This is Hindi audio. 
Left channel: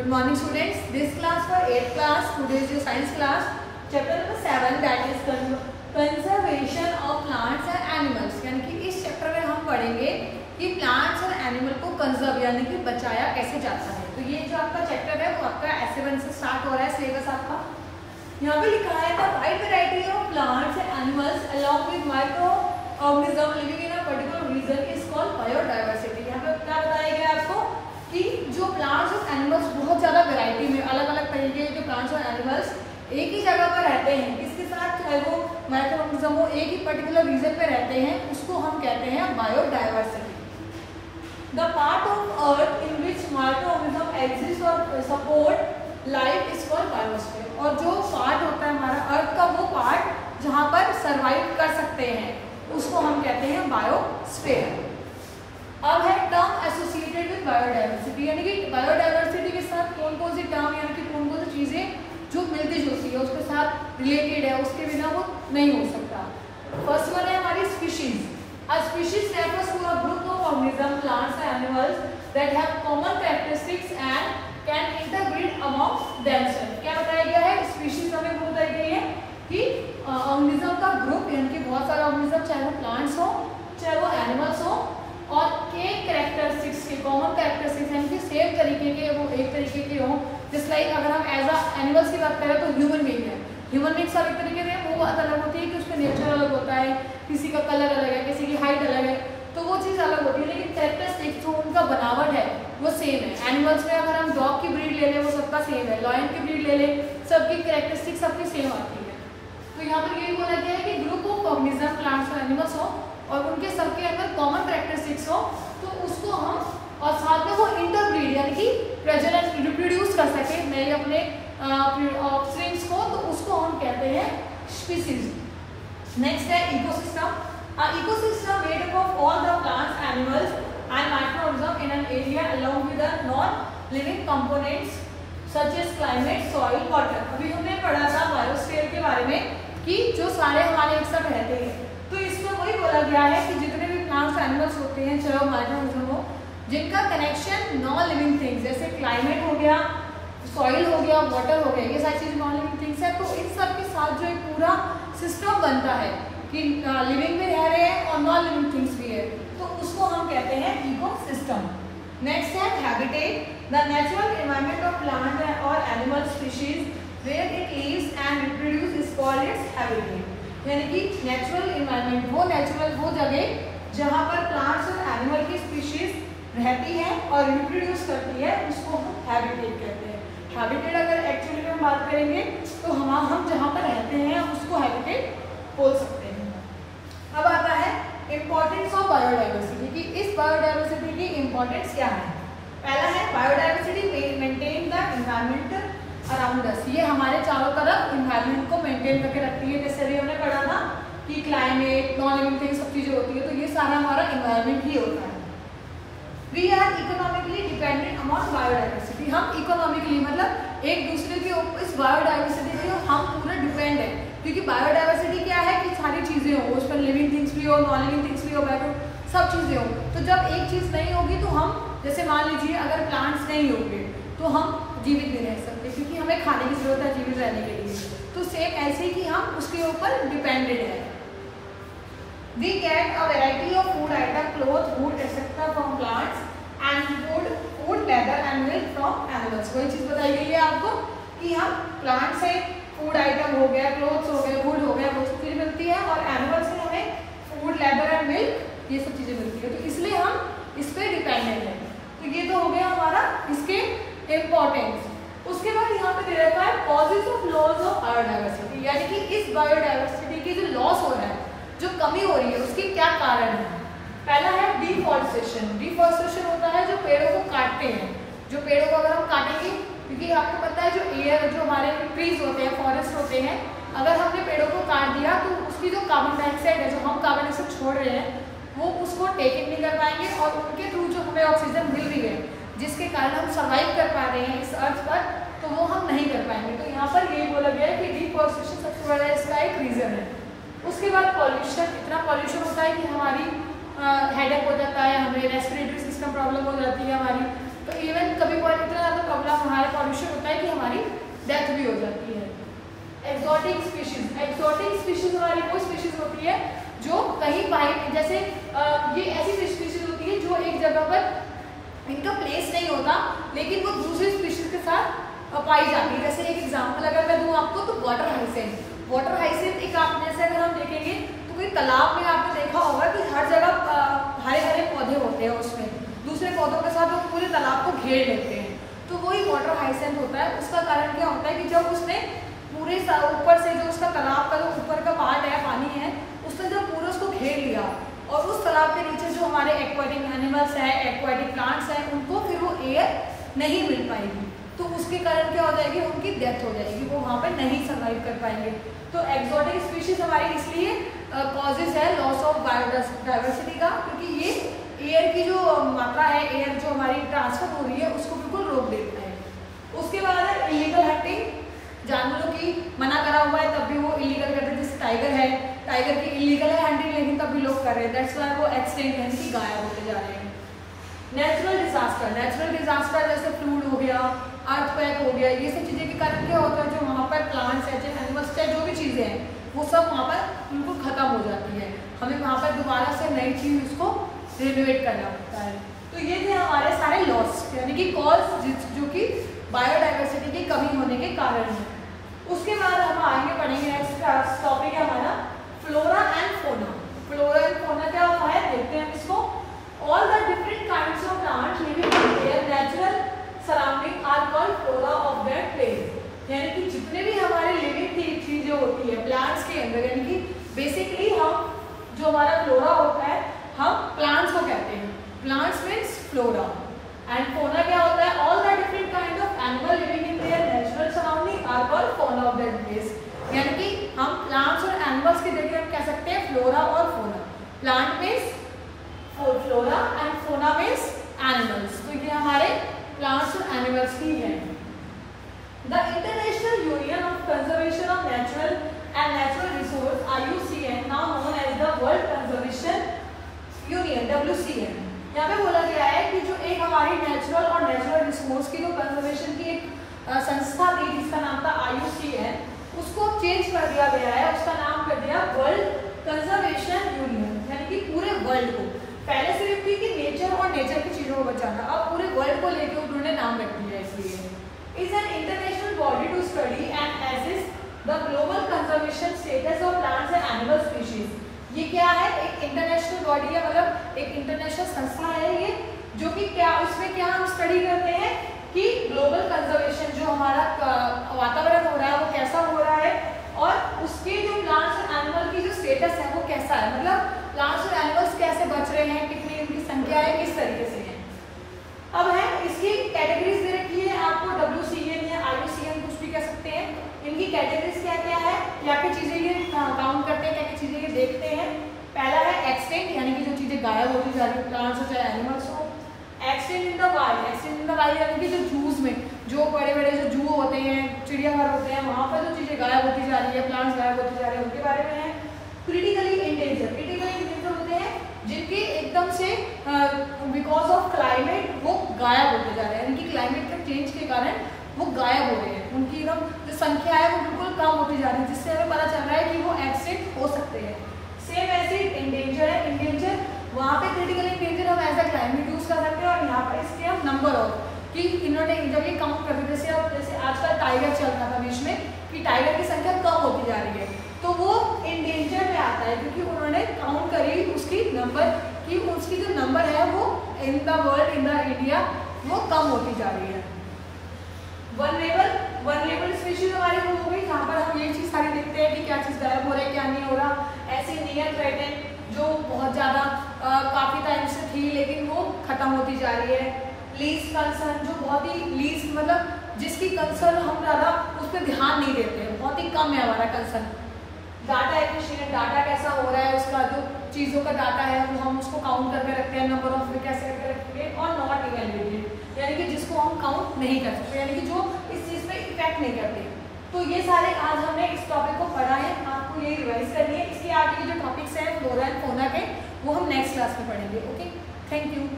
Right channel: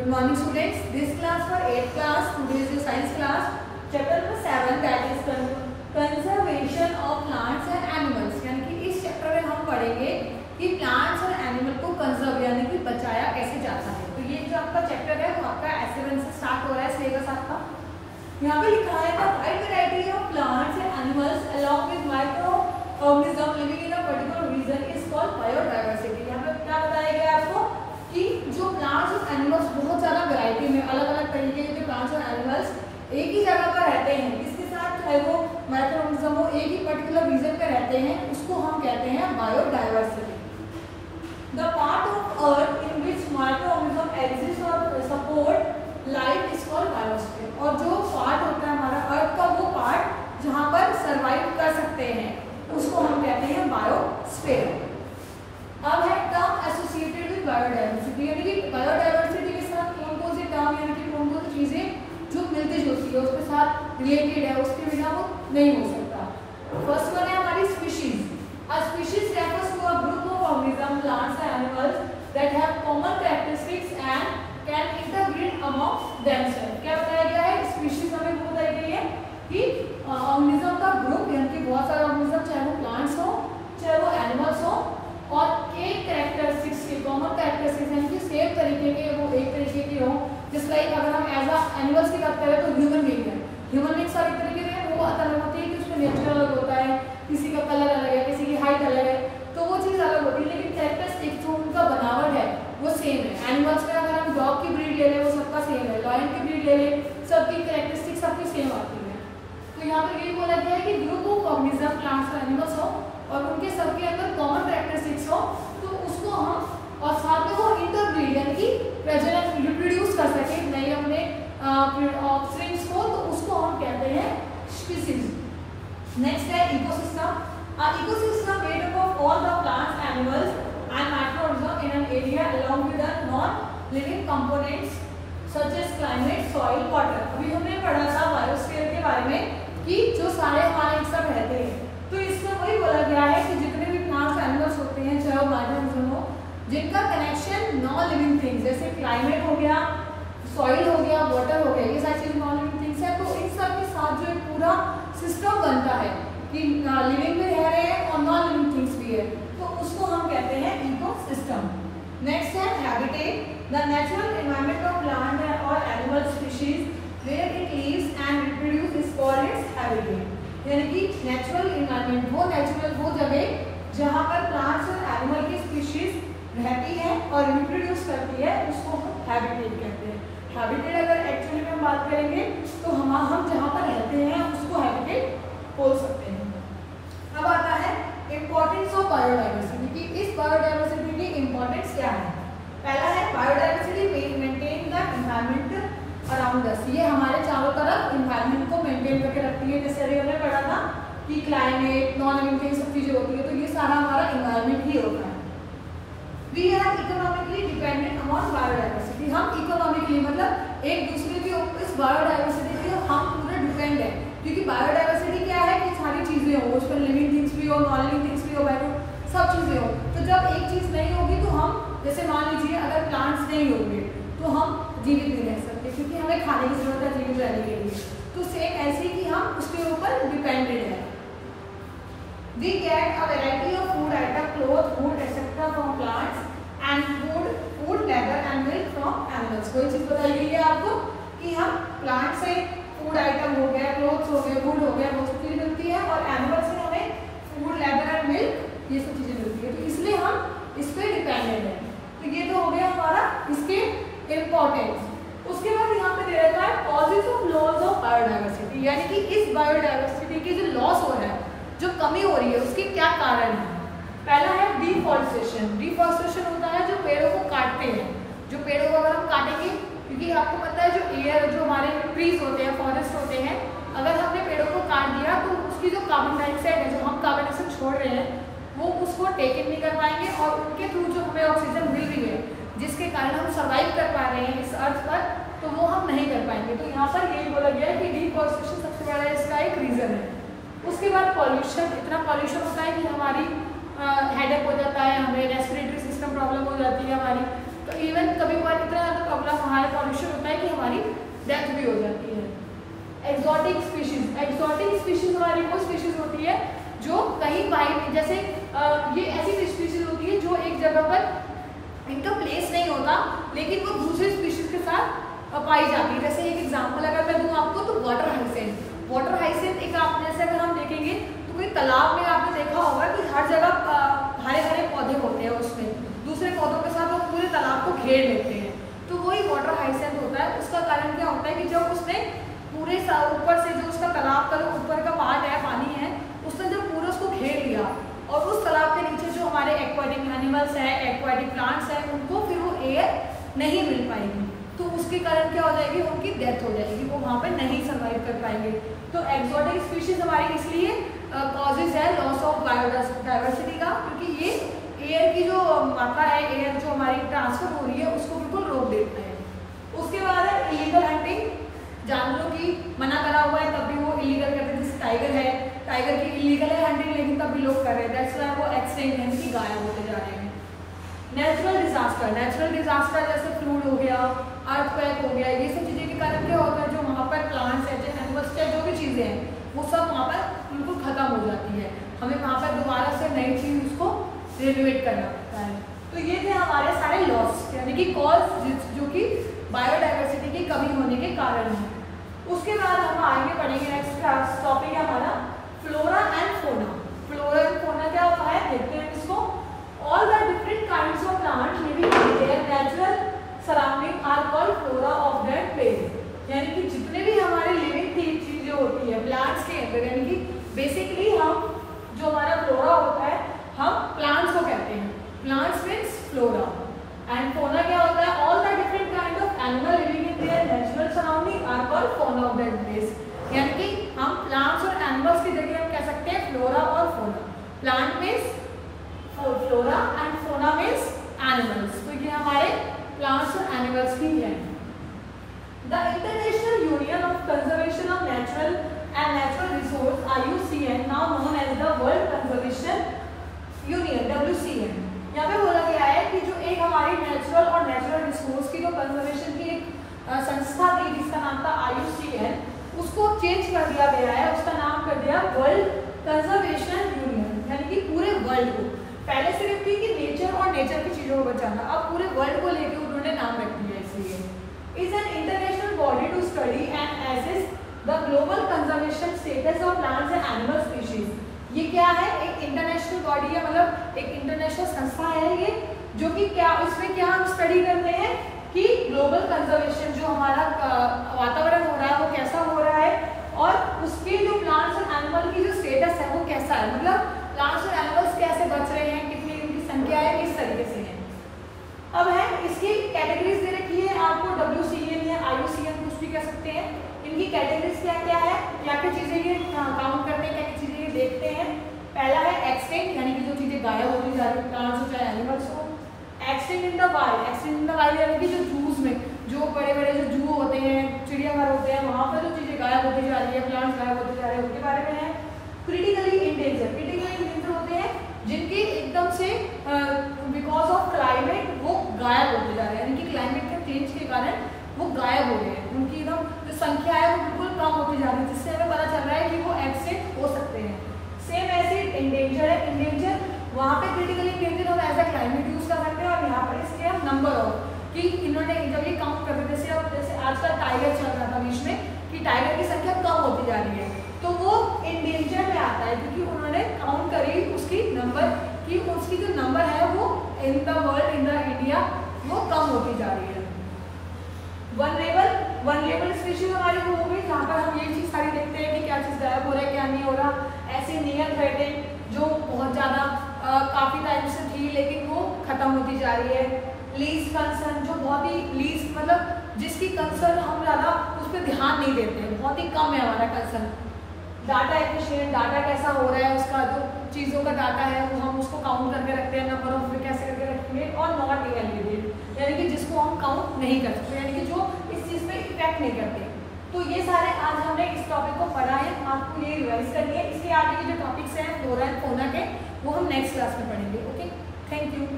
Good morning students. This class for 8th class. Today is your science class. Chapter number 7 that is conservation of plants and animals. यानी कि इस चैप्टर में हम पढ़ेंगे कि प्लांट्स और एनिमल को कंजर्व यानी कि बचाया कैसे जाता है। तो ये जो आपका चैप्टर है वो आपका S7 से स्टार्ट हो रहा है सिलेबस आपका। यहाँ पे लिखा है the wide variety of plants and animals along with micro organism living in a particular region is called biodiversity. यहाँ पे क्या बताया गया आपको कि जो प्लांट्स और एनिमल्स बहुत ज़्यादा वैरायटी में अलग अलग तरीके के प्लांट्स और एनिमल्स एक ही जगह पर रहते हैं, इसके साथ चाहे वो माइक्रो ऑर्गेनिज्म हो एक ही पर्टिकुलर रीजन पे रहते हैं, उसको हम कहते हैं biodiversity. The part of earth in which microorganism exist और support life is called biosphere. और जो पार्ट होता है हमारा अर्थ का वो पार्ट जहाँ पर सर्वाइव कर सकते हैं उसको हम कहते हैं बायोस्फीयर। अब है टर्म एसोसिएटेड विद बायोडायवर्सिटी, यानी कि बायोडायवर्सिटी के साथ कौन कौन सी टर्म यानी कि कौन कौन सी चीज़ें जो मिलती जुलती है उसके साथ रिलेटेड है, उसके बिना वो नहीं हो सकता। फर्स्ट वन है हमारी species. A species refers to a group of organism plants and animals that have common characteristics and can interbreed amongst themselves. क्या बताया गया है? स्पीशीज हमें वो बताई गई है कि ऑर्गेनिज्म का ग्रुप यानी कि बहुत सारे ऑर्गेनिज्म चाहे वो प्लांट्स हो चाहे वो एनिमल्स हो और के कैरेक्टरिस्टिक्स के कॉमन कैरेक्टरिस्टिक्स यानी कि सेम तरीके के वो एक तरीके के हों। जिस लाइक अगर हम एज अ एनिमल्स की बात करें तो ह्यूमन बीइंग है, ह्यूमन बीइंग सब एक तरीके के वो बात अलग होती है कि उसका नेचर अलग होता है, किसी का कलर अलग है, किसी की हाइट अलग है, तो वो चीज़ अलग होती है, लेकिन कैरेक्टरिस्टिक्स जो उनका बनावट है वो सेम है। एनिमल्स में अगर हम डॉग की ब्रीड ले लें वो सबका सेम है, लॉयन की ब्रीड ले लें सबकी कैरेक्टरिस्टिक्स सबकी सेम आती है। तो यहाँ पर यही बोला गया है कि ग्रुप ऑफ ऑर्गेनिज्म प्लांट्स और एनिमल्स हो और उनके सबके अंदर कॉमन कैरेक्टरिस्टिक्स हो तो उसको हम और साथ में वो इंटरब्रीड यानी कि प्रजनन रिप्रोड्यूस कर सके नए अपने ऑफस्प्रिंग्स को, तो उसको हम कहते हैं स्पीशीज। नेक्स्ट है ecosystem. Ecosystem made up of all the plants animals and microorganism in an area along with the non living components such as climate soil water. अभी हमने पढ़ा था बायोस्फीयर के बारे में कि जो सारे हमारे एक साथ रहते हैं, तो इसमें वही बोला गया है कि जितने भी प्लांट्स एनिमल्स होते हैं चाहे वो माइक्रोऑर्गेनिज्म हो जिनका कनेक्शन नॉन लिविंग थिंग्स जैसे क्लाइमेट हो गया, सॉइल हो गया, वाटर हो गया, ये सारी चीज़ नॉन लिविंग थिंग्स है, तो इन सब के साथ जो एक पूरा सिस्टम बनता है कि लिविंग भी रह रहे हैं और नॉन लिविंग थिंग्स भी है, तो उसको हम कहते हैं इकोसिस्टम। नेक्स्ट है habitat. The natural environment of plant और animal species where it lives and reproduce is called its habitat. यानी कि नेचुरल एनवायरनमेंट वो जगह जहाँ पर प्लांट्स और एनिमल की स्पीशीज रहती है और रिप्रोड्यूस करती है उसको हम हैबिटेट कहते हैं। हैबिटेट अगर एक्चुअली में बात करेंगे तो हम जहाँ पर रहते हैं उसको हैबिटेट बोल सकते हैं। अब आता है इम्पोर्टेंस ऑफ बायोडायवर्सिटी कि इस बायोडायवर्सिटी की इम्पोर्टेंस क्या है। पहला है biodiversity maintain the environment around us. ये हमारे चारों तरफ एनवायरनमेंट को मेंटेन करके रखती है। जैसे अभी हमने पढ़ा था कि क्लाइमेट नॉन लिविंग थिंग्स सब चीज़ें होती है, तो ये सारा हमारा एनवायरनमेंट ही होता है। We are economically dependent upon biodiversity. हम इकोनॉमिकली मतलब एक दूसरे के ऊपर इस बायोडायवर्सिटी पे हम पूरा डिपेंड है, क्योंकि बायोडायवर्सिटी क्या है कि सारी चीज़ें हो, उस पर लिविंग थिंग्स भी हो नॉन लिविंग थिंग्स भी हो, सब चीज़ें हो। तो जब एक चीज़ नहीं होगी तो हम जैसे मान लीजिए अगर प्लांट्स नहीं होंगे तो हम जीवित नहीं रह सकते, क्योंकि हमें खाने की जरूरत है जीवित रहने के लिए। तो सेम ऐसे ही कि हम उसके ऊपर डिपेंडेड है। We get a variety of food item, clothes, food, etc. from plants and food, leather and milk from animals। कोई चीज़ बताई गई है आपको कि हम प्लांट से फूड आइटम हो गया, क्लोथ्स हो गए, फूड हो गया, वो सब चीज़ें मिलती है और एनिमल से हमें फूड, लेदर एंड मिल्क ये सब चीज़ें मिलती है, तो इसलिए हम इस पर डिपेंडेंट हैं। तो ये तो हो गया हमारा इसके इम्पोर्टेंस। उसके बाद यहाँ पे दे रखा है causes of loss of biodiversity, यानी कि इस बायोडायवर्सिटी की जो लॉस हो रहा है, जो कमी हो रही है, उसके क्या कारण है। पहला है डिफॉरेस्टेशन। डिफॉरेस्टेशन होता है जो पेड़ों को काटते हैं, जो पेड़ों को अगर हम काटेंगे, क्योंकि आपको पता है जो एयर जो हमारे ट्रीज होते हैं, फॉरेस्ट होते हैं, अगर हमने पेड़ों को काट दिया तो उसकी जो कार्बन डाइऑक्साइड है, जो हम कार्बन डाइऑक्साइड छोड़ रहे हैं, वो उसको टेक इन नहीं कर पाएंगे और उनके थ्रू जो हमें ऑक्सीजन मिल रही है जिसके कारण हम सर्वाइव कर पा रहे हैं इस अर्थ पर, तो वो हम नहीं कर पाएंगे। तो यहाँ पर ये बोला गया है कि डिफॉरेस्टेशन सबसे बड़ा इसका एक रीज़न है। उसके बाद पॉल्यूशन, इतना पॉल्यूशन होता है कि हमारी हेडेक हो जाता है, हमें रेस्पिरेटरी सिस्टम प्रॉब्लम हो जाती है हमारी, तो इवन कभी कभार इतना ज़्यादा प्रॉब्लम हमारे पॉल्यूशन होता है कि हमारी डेथ भी हो जाती है। एक्सोटिक स्पीशीज हमारी वो स्पीशीज होती है जो कहीं बाहर, जैसे ये ऐसी स्पीशीज होती है जो एक जगह पर इनका प्लेस नहीं होता लेकिन वो दूसरे स्पीशीज के साथ पाई जाती है। जैसे एक एग्जांपल अगर मैं दूं आपको तो वाटर हाइसेंट एक, आप जैसे अगर हम देखेंगे तो कोई तालाब में आपने देखा होगा कि हर जगह हरे हरे पौधे होते हैं, उसमें दूसरे पौधों के साथ वो पूरे तालाब को घेर लेते हैं, तो वही वाटर हाइसेंट होता है। उसका कारण क्या होता है कि जब उसने पूरे ऊपर से जो उसका तालाब का जो ऊपर का पार्ट है, पानी है, उसने जब पूरा उसको घेर लिया और उस तालाब के नीचे जो हमारे एक्वाटिक एनिमल्स हैं, एक्वाटिक प्लांट्स हैं, उनको फिर वो एयर नहीं मिल पाएगी, तो उसके कारण क्या हो जाएगी, उनकी डेथ हो जाएगी, वो वहाँ पे नहीं सर्वाइव कर पाएंगे। तो एक्सोटिक स्पीशीज हमारी इसलिए कॉजेज है लॉस ऑफ बायोडाइवर्सिटी का, क्योंकि ये एयर की जो मात्रा है, एयर जो हमारी ट्रांसफर हो रही है उसको बिल्कुल रोक देता है। उसके बाद है इलीगल हंटिंग, जानवरों की मना करा हुआ है तब भी वो इलीगल करते हैं। जैसे टाइगर है, टाइगर की इलीगल है हंटिंग लेकिन तब भी लोग कर रहे हैं, दैट्स व्हाई वो एक्सटिंक्ट यानी कि गायब होते जा रहे हैं। नेचुरल डिजास्टर जैसे फ्लूड हो गया, अर्थक्वेक हो गया, ये सब चीज़ें के कारण क्या होता है, जो वहाँ पर प्लांट्स है, चाहे एनिमल्स, चाहे जो भी चीज़ें हैं, वो सब वहाँ पर बिल्कुल खत्म हो जाती है। हमें वहाँ पर दोबारा से नई चीज़ उसको रिनोवेट करना पड़ता है। तो ये थे हमारे सारे लॉस, यानी कि कॉज जो कि बायोडाइवर्सिटी की कमी होने के कारण है। उसके बाद हम आगे पढ़ेंगे, नेक्स्ट टॉपिक है हमारा फ्लोरा एंड फोना। फ्लोरा एंड फोना क्या होता है, देखते हैं इसको। All the different kinds of plants living in their natural surrounding are called flora of that place. यानी कि जितने भी हमारे लिविंग चीजें होती है प्लांट्स के अंदर, यानी कि बेसिकली हम जो हमारा फ्लोरा होता है हम प्लांट्स को कहते हैं। प्लांट्स मीन्स फ्लोरा एंड फोना क्या होता है, all the different kind of animal living in their natural surrounding are called fauna of that place. यानी कि हम प्लांट्स और एनिमल्स की जगह हम कह सकते हैं फ्लोरा और fauna. Plant means flora and fauna means animals, तो ये हमारे प्लांट्स और एनिमल्स ही हैं। The international union of conservation of natural and natural resource IUCN, now known as the world conservation union WCN, यहाँ पे बोला गया है कि जो एक हमारी नेचुरल और नेचुरल रिसोर्स की जो कंजर्वेशन की एक संस्था थी जिसका नाम था IUCN, उसको चेंज कर दिया गया है, उसका नाम कर दिया वर्ल्ड कंजर्वेशन यूनियन, यानी कि पूरे वर्ल्ड को। पहले सिर्फ थी कि नेचर और नेचर की चीजों को बचाना, अब पूरे वर्ल्ड को लेकर उन्होंने नाम रख दिया। इसलिए is an international body to study and assess the global conservation status of plants and animal species. ये क्या है, एक इंटरनेशनल बॉडी है, मतलब एक इंटरनेशनल संस्था है ये, जो कि क्या इसमें क्या हम स्टडी करते हैं कि ग्लोबल कंजर्वेशन जो हमारा वातावरण हो रहा है वो कैसा हो रहा है, और उसके जो प्लांट्स और एनिमल की जो स्टेटस है वो कैसा है, मतलब प्लांट्स और एनिमल्स कैसे बच रहे हैं, कितनी उनकी संख्या है, किस तरीके से है। अब है इसकी कैटेगरीज दे रखी है आपको, WCN या IUCN कुछ भी कह सकते हैं। इनकी कैटेगरीज क्या क्या है, क्या क्या चीजें ये काउंट करते हैं, क्या क्या चीजें ये देखते हैं। पहला है एक्सटिंक्ट, यानी कि जो चीजें गायब होती जा रही है, प्लांट्स हो चाहे एनिमल्स हो। Extinct in the wild, extinct in the wild यानी कि जो जूस में जो बड़े बड़े जो जू होते हैं, चिड़ियाघर होते हैं, वहाँ पर जो चीजें गायब होती जा रही है, प्लांट्स गायब होते जा रहे हैं, उनके बारे में है। क्रिटिकली इंडेंजर, होते हैं जिनके एकदम से बिकॉज ऑफ क्लाइमेट वो गायब होते जा रहे हैं, यानी कि क्लाइमेट के चेंज के कारण वो गायब हो रहे हैं, उनकी एकदम जो संख्या है वो बिल्कुल कम होती जा रही है, जिससे हमें पता चल रहा है कि वो एक्सटिंक्ट हो सकते हैं। सेम ऐसे इंडेंजर है, इंडेंजर वहाँ पे क्रिटिकली इंडेंजर हम एज अ क्लाइमेट यूज कर सकते हैं, और यहाँ पर इसके हम नंबर ऑफ कि इन्होंने जब ये काउंट करते, जैसे आजकल टाइगर चल रहा था बीच में कि टाइगर की संख्या कम होती जा रही है, तो वो इंडेंजर में आता है क्योंकि उन्होंने काउंट करी उसकी नंबर कि उसकी जो नंबर है वो in the world, in the India वो कम होती जा रही है। वनरेबल स्पीशीज हमारी वो हो गई, जहाँ पर हम ये चीज़ सारी देखते हैं कि क्या चीज़ गायब हो रहा है, क्या नहीं हो रहा। ऐसे नियर थ्रेटेड जो बहुत ज़्यादा काफ़ी टाइम से थी लेकिन वो खत्म होती जा रही है। लीस्ट कंसर्न जो बहुत ही लीस्ट मतलब जिसकी कंसर्न हम ज़्यादा उस पर ध्यान नहीं देते, बहुत ही कम है हमारा कंसर्न। डाटा एफिशिएंट, डाटा कैसा हो रहा है, उसका जो चीज़ों का डाटा है वो हम उसको काउंट करके रखते हैं, नंबर ऑफ में कैसे करके रखेंगे। और नॉट इवेल्युएटेड यानी कि जिसको हम काउंट नहीं कर सकते, यानी कि जो इस चीज़ पे इफेक्ट नहीं करते। तो ये सारे आज हमने इस टॉपिक को पढ़ा है, आपको ये रिवाइज करनी है। इसके आगे के जो टॉपिक्स हैं फ्लोरा एंड फौना के वो हम नेक्स्ट क्लास में पढ़ेंगे। Okay, thank you.